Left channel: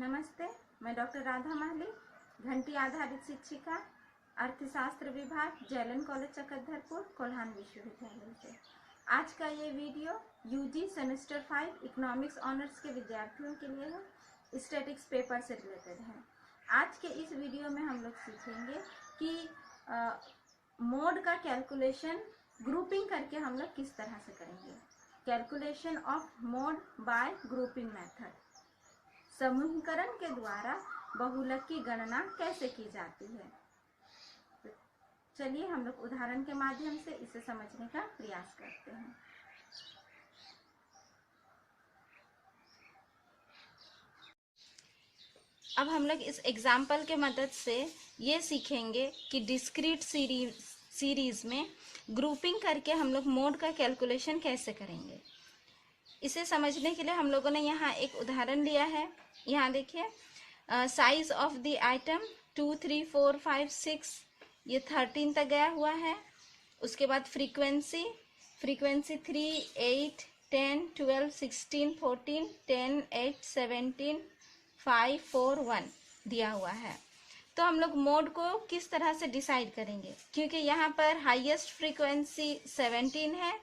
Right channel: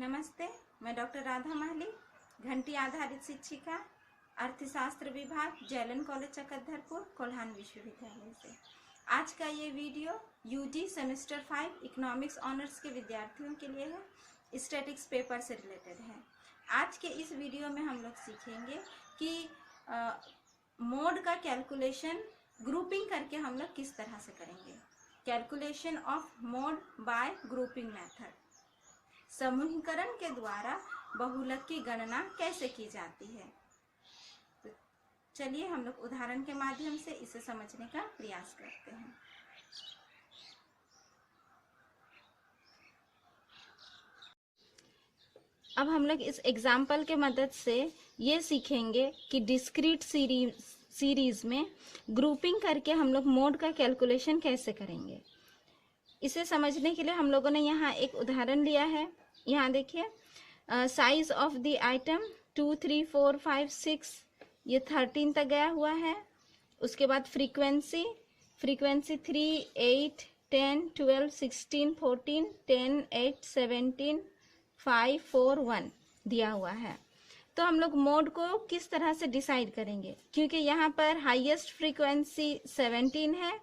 नमस्ते, मैं डॉक्टर राधा माली, घंटी आधारित शिक्षिका, अर्थशास्त्र विभाग, जैलन कॉलेज चकधरपुर, कोल्हान विश्वविद्यालय से। आज का ये video UG semester 5 economics honours के विद्यार्थियों के लिए है, स्टैटिक्स पेपर से रिलेटेड है। आज के इस वीडियो में हम लोग सीखेंगे कि मोड का कैलकुलेशन ग्रुपिंग करके हम लोग किस तरह से करेंगे। Calculation of mode bye grouping method, समूहीकरण के द्वारा बहुलक की गणना कैसे की जाती है। तो चलिए हम लोग उदाहरण के माध्यम से इसे समझने का प्रयास करते हैं। अब हम लोग इस एग्जाम्पल के मदद से ये सीखेंगे कि डिस्क्रीट सीरीज में ग्रुपिंग करके हम लोग मोड का कैलकुलेशन कैसे करेंगे। इसे समझने के लिए हम लोगों ने यहाँ एक उदाहरण लिया है। यहाँ देखिए, साइज ऑफ द आइटम 2, 3, 4, 5, 6 ये 13 तक गया हुआ है। उसके बाद फ्रीक्वेंसी 3, 8, 10, 12, 16, 14, 10, 8, 17, 5, 4, 1 दिया हुआ है। तो हम लोग मोड को किस तरह से डिसाइड करेंगे, क्योंकि यहाँ पर हाईएस्ट फ्रीक्वेंसी 17 है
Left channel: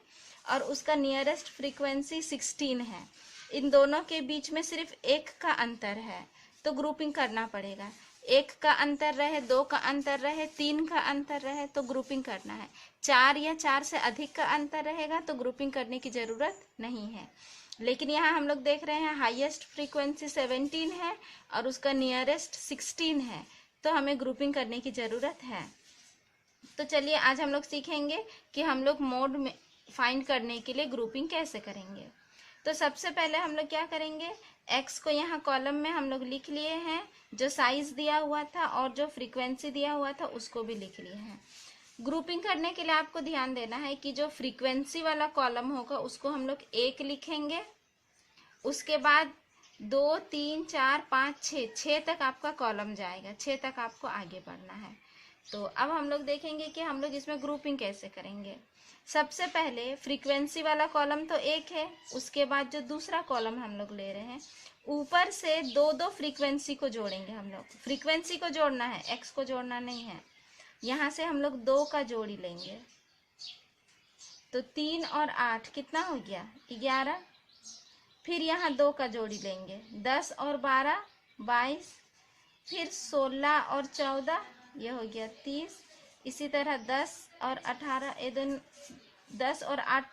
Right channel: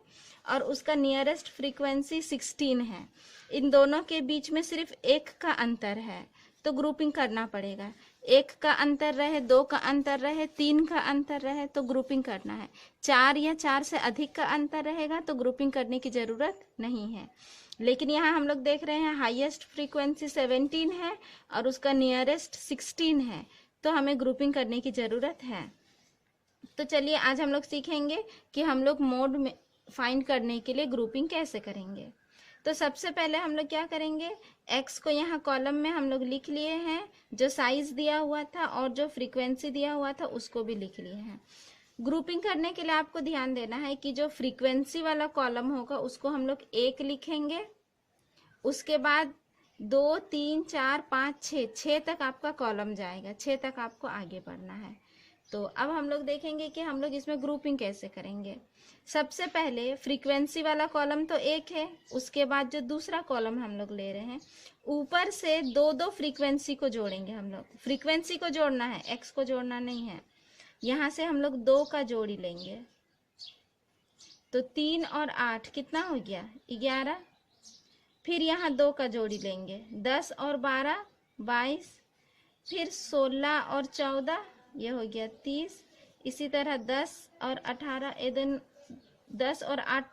और उसका नियरेस्ट फ्रीक्वेंसी 16 है। इन दोनों के बीच में सिर्फ 1 का अंतर है, तो ग्रुपिंग करना पड़ेगा। 1 का अंतर रहे, 2 का अंतर रहे, 3 का अंतर रहे तो ग्रुपिंग करना है। 4 या 4 से अधिक का अंतर रहेगा तो ग्रुपिंग करने की जरूरत नहीं है। लेकिन यहाँ हम लोग देख रहे हैं हाईएस्ट फ्रीक्वेंसी 17 है और उसका नियरेस्ट 16 है, तो हमें ग्रुपिंग करने की जरूरत है। तो चलिए आज हम लोग सीखेंगे कि हम लोग मोड में फाइंड करने के लिए ग्रुपिंग कैसे करेंगे। तो सबसे पहले हम लोग क्या करेंगे, x को यहाँ कॉलम में हम लोग लिख लिए हैं, जो साइज दिया हुआ था और जो फ्रीक्वेंसी दिया हुआ था उसको भी लिख लिए हैं। ग्रुपिंग करने के लिए आपको ध्यान देना है कि जो फ्रीक्वेंसी वाला कॉलम होगा उसको हम लोग 1 लिखेंगे। उसके बाद 2, 3, 4, 5, 6 तक आपका कॉलम जाएगा, 6 तक आपको आगे बढ़ना है। तो अब हम लोग देखेंगे कि हम लोग इसमें ग्रुपिंग कैसे करेंगे। सबसे पहले फ्रीक्वेंसी वाला कॉलम तो 1 है, उसके बाद जो दूसरा कॉलम हम लोग ले रहे हैं ऊपर से 2 फ्रीक्वेंसी को जोड़ेंगे। हम लोग फ्रीक्वेंसी को जोड़ना है, एक्स को जोड़ना नहीं है। यहाँ से हम लोग 2 का जोड़ी लेंगे, तो 3 और 8 कितना हो गया, 11। फिर यहाँ 2 का जोड़ी लेंगे, 10 और 12, 22। फिर 16 और 14 ये हो गया 30। इसी तरह 10 और 18, 10 और 8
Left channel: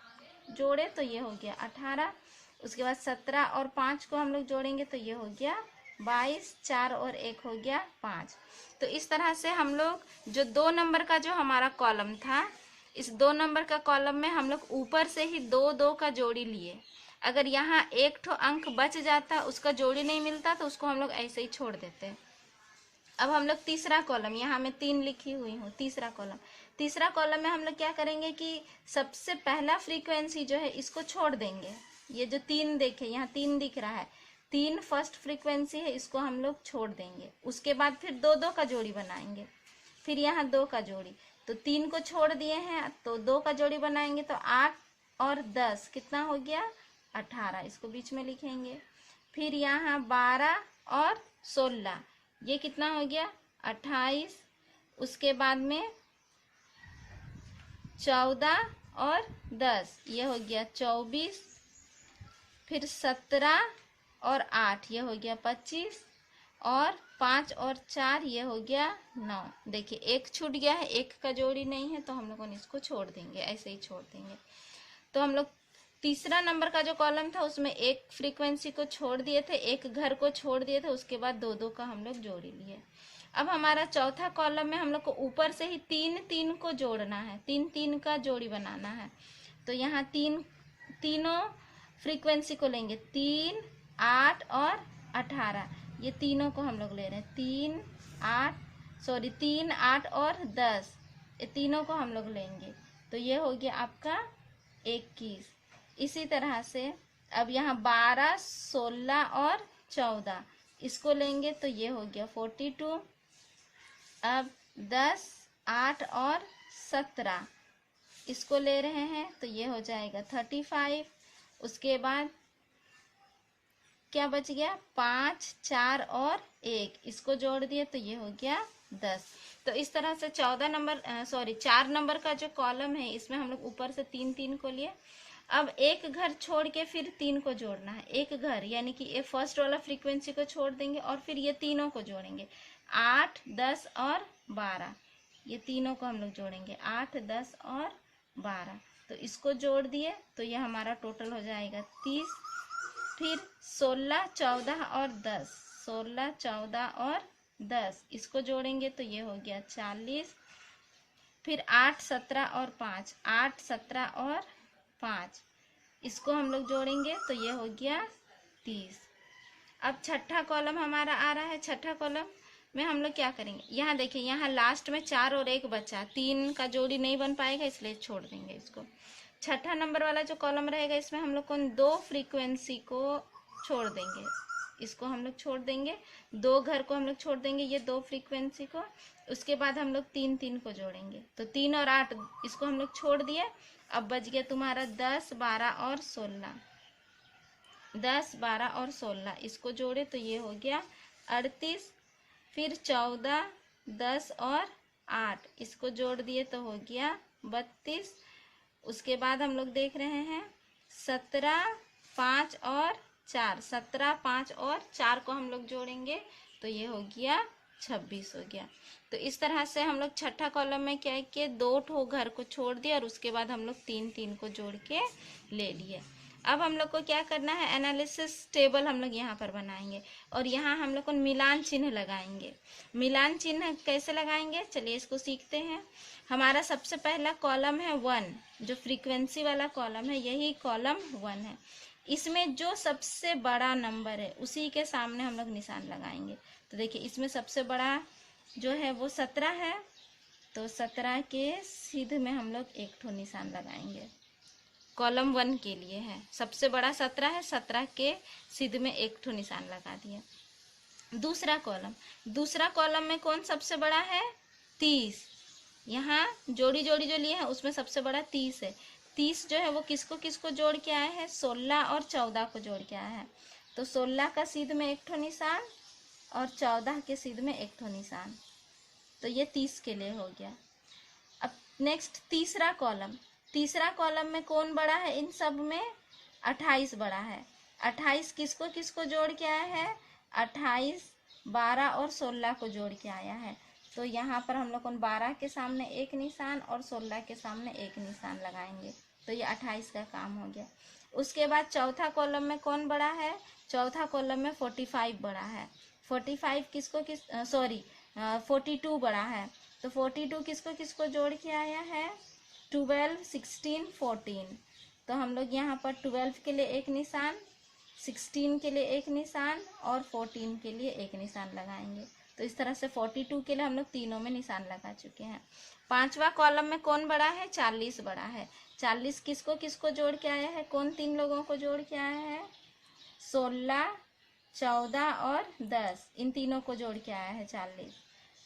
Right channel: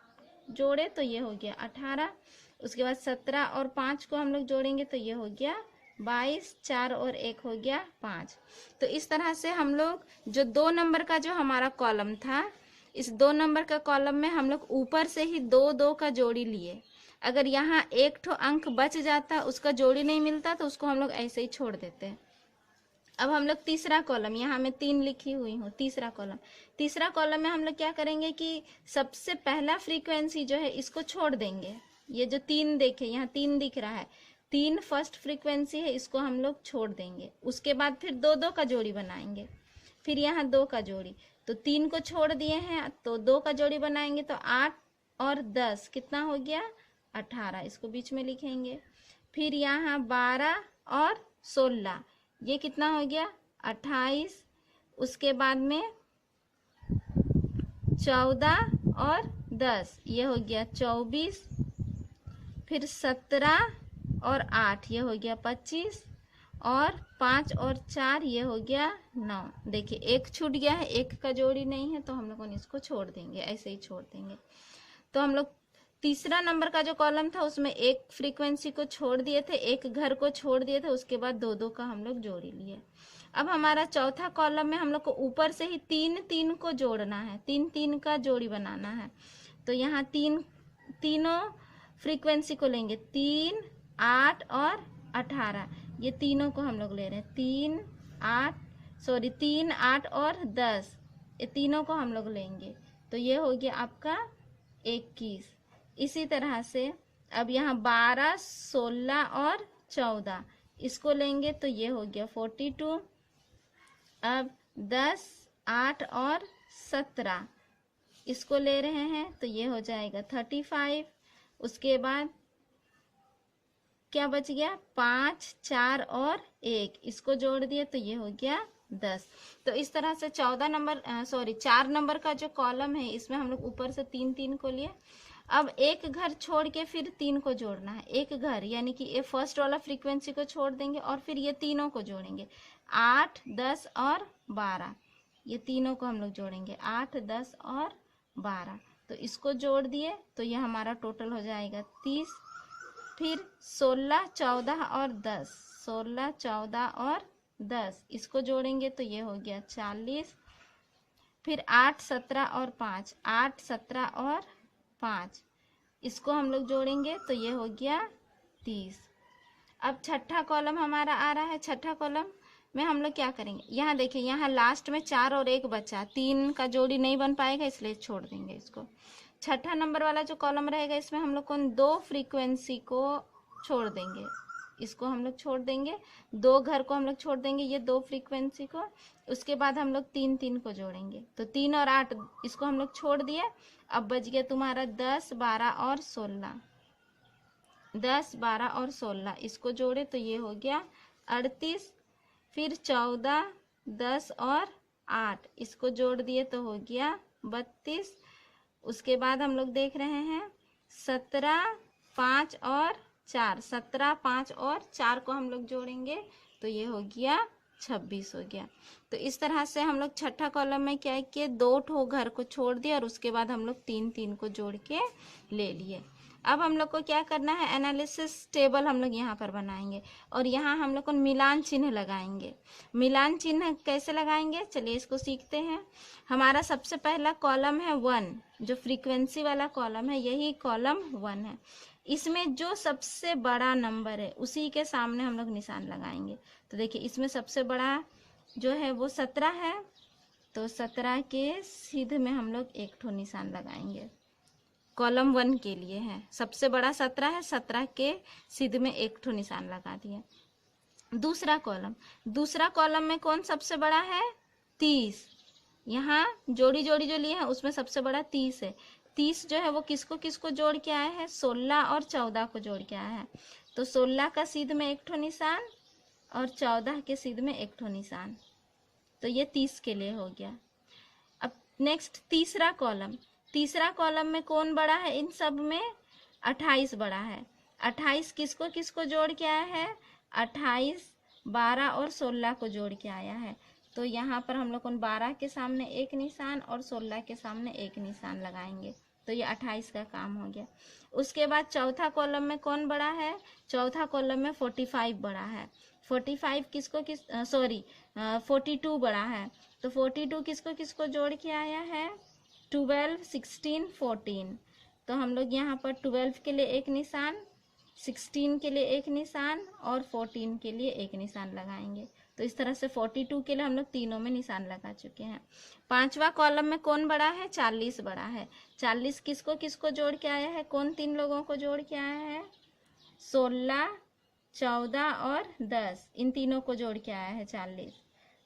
जोड़े तो ये हो गया 18। उसके बाद 17 और 5 को हम लोग जोड़ेंगे तो ये हो गया 22। 4 और 1 हो गया 5। तो इस तरह से हम लोग जो 2 नंबर का जो हमारा कॉलम था, इस 2 नंबर का कॉलम में हम लोग ऊपर से ही 2 का जोड़ी लिए। अगर यहाँ 1 ठो अंक बच जाता, उसका जोड़ी नहीं मिलता, तो उसको हम लोग ऐसे ही छोड़ देते। अब हम लोग तीसरा कॉलम, यहाँ मैं 3 लिखी हुई हूँ, तीसरा कॉलम में हम लोग क्या करेंगे कि सबसे पहला फ्रीक्वेंसी जो है इसको छोड़ देंगे। ये जो 3 देखे, यहाँ 3 दिख रहा है, 3 फर्स्ट फ्रीक्वेंसी है, इसको हम लोग छोड़ देंगे। उसके बाद फिर 2 का जोड़ी बनाएंगे, फिर यहाँ 2 का जोड़ी, तो 3 को छोड़ दिए हैं तो 2 का जोड़ी बनाएंगे, तो 8 और 10 कितना हो गया, 18। इसको बीच में लिखेंगे। फिर यहाँ 12 और 16 ये कितना हो गया, 28। उसके बाद में 14 और 10 ये हो गया 24। फिर 17 और 8 ये हो गया 25। और 5 और 4 ये हो गया 9। देखिए 1 छूट गया है, 1 का जोड़ी नहीं है, तो हम लोगों ने इसको छोड़ देंगे, ऐसे ही छोड़ देंगे। तो हम लोग तीसरा नंबर का जो कॉलम था उसमें 1 फ्रीक्वेंसी को छोड़ दिए थे, 1 घर को छोड़ दिए थे, उसके बाद 2 का हम लोग जोड़ी लिए। अब हमारा चौथा कॉलम में हम लोग को ऊपर से ही 3 को जोड़ना है, 3 का जोड़ी बनाना है। तो यहाँ तीनों फ्रीक्वेंसी को लेंगे, 3, 8 और 18। ये तीनों को हम लोग ले रहे हैं, 3, 8 और 10, ये तीनों को हम लोग लेंगे, तो ये हो गया आपका 21। इसी तरह से अब यहाँ 12, 16 और 14 इसको लेंगे तो ये हो गया 42। अब 10, 8 और 17 इसको ले रहे हैं तो ये हो जाएगा 35। उसके बाद क्या बच गया, 5, 4 और 1, इसको जोड़ दिए तो ये हो गया 10। तो इस तरह से 4 नंबर का जो कॉलम है इसमें हम लोग ऊपर से 3 को लिए। अब एक घर छोड़ के फिर 3 को जोड़ना है, एक घर यानी कि ये फर्स्ट वाला फ्रीक्वेंसी को छोड़ देंगे और फिर ये तीनों को जोड़ेंगे, 8, 10 और 12, ये तीनों को हम लोग जोड़ेंगे, 8, 10 और 12। तो इसको जोड़ दिए तो ये हमारा टोटल हो जाएगा 30। फिर 16, 14 और 10, 16, 14 और 10 इसको जोड़ेंगे तो ये हो गया 40। फिर 8, 17 और 5, 8, 17 और 5 इसको हम लोग जोड़ेंगे तो ये हो गया 30। अब छठा कॉलम हमारा आ रहा है। छठा कॉलम में हम लोग क्या करेंगे, यहाँ देखिए, यहाँ लास्ट में 4 और 1 बचा, 3 का जोड़ी नहीं बन पाएगा इसलिए छोड़ देंगे इसको। छठा नंबर वाला जो कॉलम रहेगा इसमें हम लोग कौन 2 फ्रीक्वेंसी को छोड़ देंगे, इसको हम लोग छोड़ देंगे, 2 घर को हम लोग छोड़ देंगे, ये 2 फ्रीक्वेंसी को। उसके बाद हम लोग 3 को जोड़ेंगे तो 3 और 8 इसको हम लोग छोड़ दिए। अब बच गया तुम्हारा 10, 12 और 16, 10, 12 और 16 इसको जोड़े तो ये हो गया 38। फिर 14, 10 और 8 इसको जोड़ दिए तो हो गया 32। उसके बाद हम लोग देख रहे हैं 17, 5 और 4, 17, 5 और 4 को हम लोग जोड़ेंगे तो ये हो गया 26 हो गया। तो इस तरह से हम लोग छठा कॉलम में क्या किए, 2 ठो घर को छोड़ दिया और उसके बाद हम लोग 3 को जोड़ के ले लिए। अब हम लोग को क्या करना है, एनालिसिस टेबल हम लोग यहाँ पर बनाएंगे और यहाँ हम लोग को मिलान चिन्ह लगाएंगे। मिलान चिन्ह कैसे लगाएंगे, चलिए इसको सीखते हैं। हमारा सबसे पहला कॉलम है 1, जो फ्रीक्वेंसी वाला कॉलम है, यही कॉलम 1 है। इसमें जो सबसे बड़ा नंबर है उसी के सामने हम लोग निशान लगाएंगे। तो देखिए इसमें सबसे बड़ा जो है वो 17 है, तो 17 के सीधे में हम लोग एक ठो निशान लगाएंगे। कॉलम 1 के लिए है, सबसे बड़ा 17 है, 17 के सीधे में एक ठो निशान लगा दिया। दूसरा कॉलम में कौन सबसे बड़ा है, 30। यहाँ जोड़ी जो लिए हैं उसमें सबसे बड़ा 30 है। 30 जो है वो किसको किसको जोड़ के आए हैं, 16 और 14 को जोड़ के आया है। तो 16 का सीध में एक ठो निशान और 14 के सीध में एक ठो निशान, तो ये 30 के लिए हो गया। अब नेक्स्ट तीसरा कॉलम में कौन बड़ा है, इन सब में 28 बड़ा है। 28 किसको किसको जोड़ के आया है, 28, 12 और 16 को जोड़ के आया है। तो यहाँ पर हम लोग 12 के सामने एक निशान और 16 के सामने एक निशान लगाएंगे तो ये 28 का काम हो गया। उसके बाद चौथा कॉलम में कौन बड़ा है, चौथा कॉलम में 45 बड़ा है। 45 42 बड़ा है। तो 42 किसको किसको जोड़ के आया है, 12, 16, 14। तो हम लोग यहाँ पर 12 के लिए एक निशान, 16 के लिए एक निशान और 14 के लिए एक निशान लगाएंगे। तो इस तरह से 42 के लिए हम लोग तीनों में निशान लगा चुके हैं। पांचवा कॉलम में कौन बड़ा है, 40 बड़ा है। 40 किसको किसको जोड़ के आया है, कौन 3 लोगों को जोड़ के आया है, 16, 14 और 10, इन तीनों को जोड़ के आया है 40।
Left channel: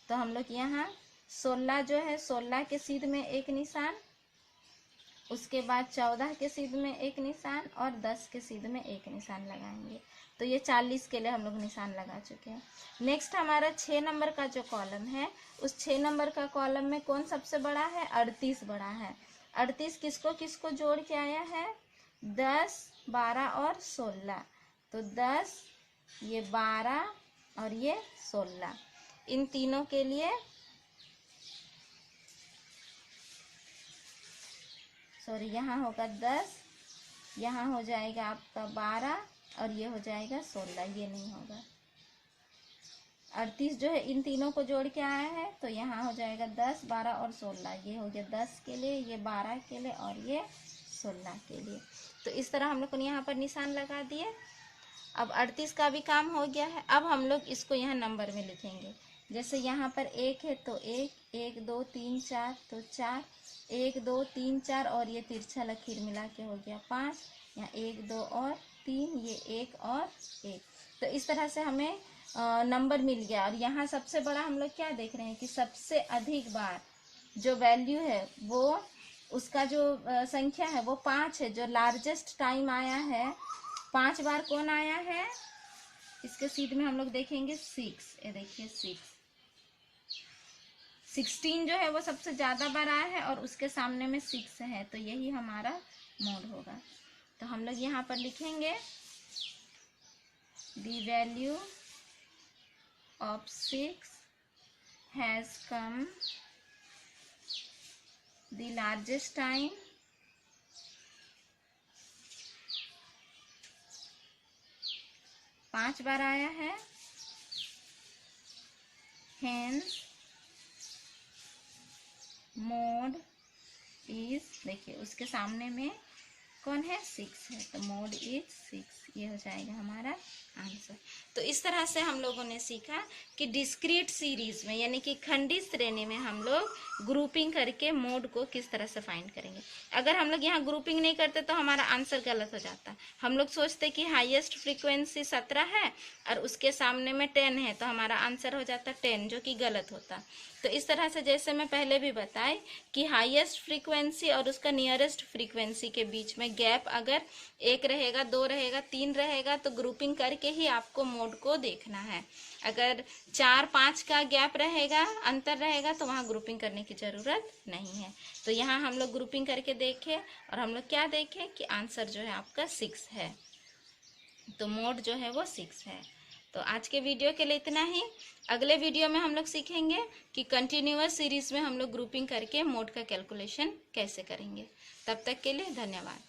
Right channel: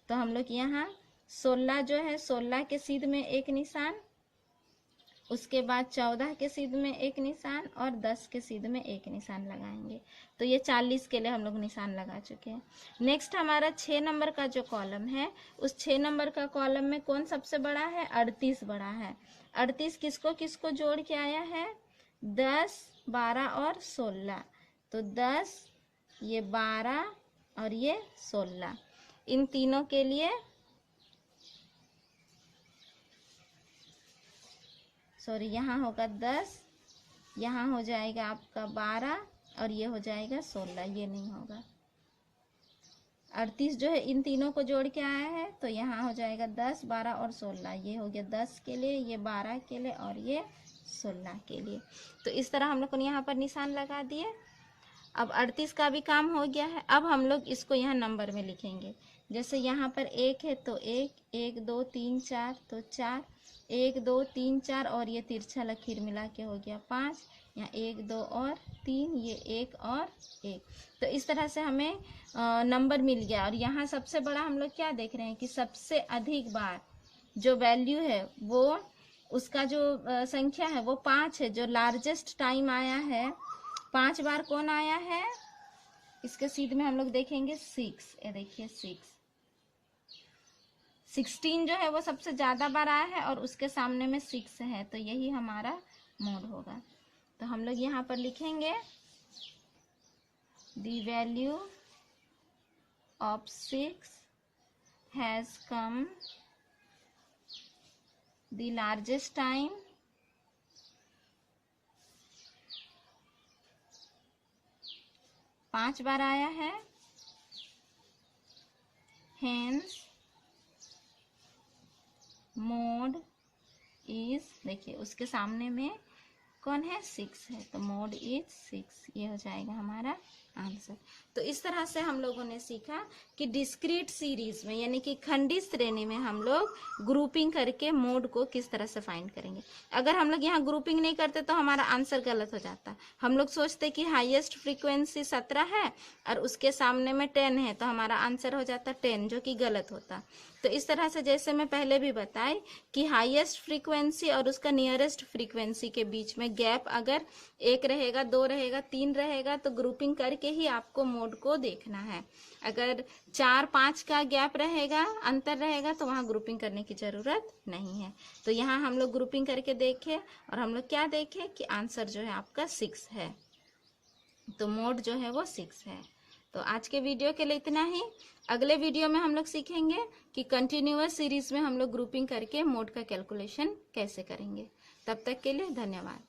तो हम लोग यहाँ 16 जो है, 16 के सीध में एक निशान, उसके बाद 14 के सीध में एक निशान और 10 के सीध में एक निशान लगाएंगे। तो ये 40 के लिए हम लोग निशान लगा चुके हैं। नेक्स्ट हमारा 6 नंबर का जो कॉलम है, उस 6 नंबर का कॉलम में कौन सबसे बड़ा है, 38 बड़ा है। 38 किसको किसको जोड़ के आया है, 10, 12 और 16। तो 10, ये 12 और ये 16, इन तीनों के लिए यहाँ होगा 10, यहाँ हो जाएगा आपका 12 और ये हो जाएगा 16, ये नहीं होगा। 38 जो है इन तीनों को जोड़ के आया है तो यहाँ हो जाएगा 10, 12 और 16, ये हो गया 10 के लिए, ये 12 के लिए और ये 16 के लिए। तो इस तरह हम लोग को यहाँ पर निशान लगा दिए। अब 38 का भी काम हो गया है। अब हम लोग इसको यहाँ नंबर में लिखेंगे। जैसे यहाँ पर 1 है तो 1, 1, 2, 3, 4 तो 4, 1, 2, 3, 4 और ये तिरछा लकीर मिला के हो गया 5, यहाँ 1, 2 और 3, ये 1 और 1। तो इस तरह से हमें नंबर मिल गया। और यहाँ सबसे बड़ा हम लोग क्या देख रहे हैं कि सबसे अधिक बार जो वैल्यू है वो उसका जो संख्या है वो 5 है। जो लार्जेस्ट टाइम आया है 5 बार कौन आया है, इसके सीध में हम लोग देखेंगे 6, ये देखिए 16 जो है वो सबसे ज्यादा बार आया है और उसके सामने में 6 है, तो यही हमारा मोड होगा। तो हम लोग यहाँ पर लिखेंगे the value of 6 has come the largest time पांच बार आया है, हेंस मोड इज, देखिए उसके सामने में कौन है 6 है, तो मोड इज 6, ये हो जाएगा हमारा आंसर। तो इस तरह से हम लोगों ने सीखा कि डिस्क्रीट सीरीज में यानी कि खंडित श्रेणी में हम लोग ग्रुपिंग करके मोड को किस तरह से फाइंड करेंगे। अगर हम लोग यहाँ ग्रुपिंग नहीं करते तो हमारा आंसर गलत हो जाता। हम लोग सोचते कि हाईएस्ट फ्रीक्वेंसी 17 है और उसके सामने में 10 है, तो हमारा आंसर हो जाता 10, जो कि गलत होता। तो इस तरह से जैसे मैं पहले भी बताई कि हाईएस्ट फ्रीक्वेंसी और उसका नियरेस्ट फ्रीक्वेंसी के बीच में गैप अगर 1 रहेगा, 2 रहेगा, 3 रहेगा, तो ग्रुपिंग करके ही आपको मोड को देखना है। अगर 4-5 का गैप रहेगा, अंतर रहेगा, तो वहां ग्रुपिंग करने की जरूरत नहीं है। तो यहाँ हम लोग ग्रुपिंग करके देखे और हम लोग क्या देखे कि आंसर जो है आपका 6 है, तो मोड जो है वो 6 है। तो आज के वीडियो के लिए इतना ही। अगले वीडियो में हम लोग सीखेंगे कि कंटिन्यूअस सीरीज में हम लोग ग्रुपिंग करके मोड का कैलकुलेशन कैसे करेंगे। तब तक के लिए धन्यवाद।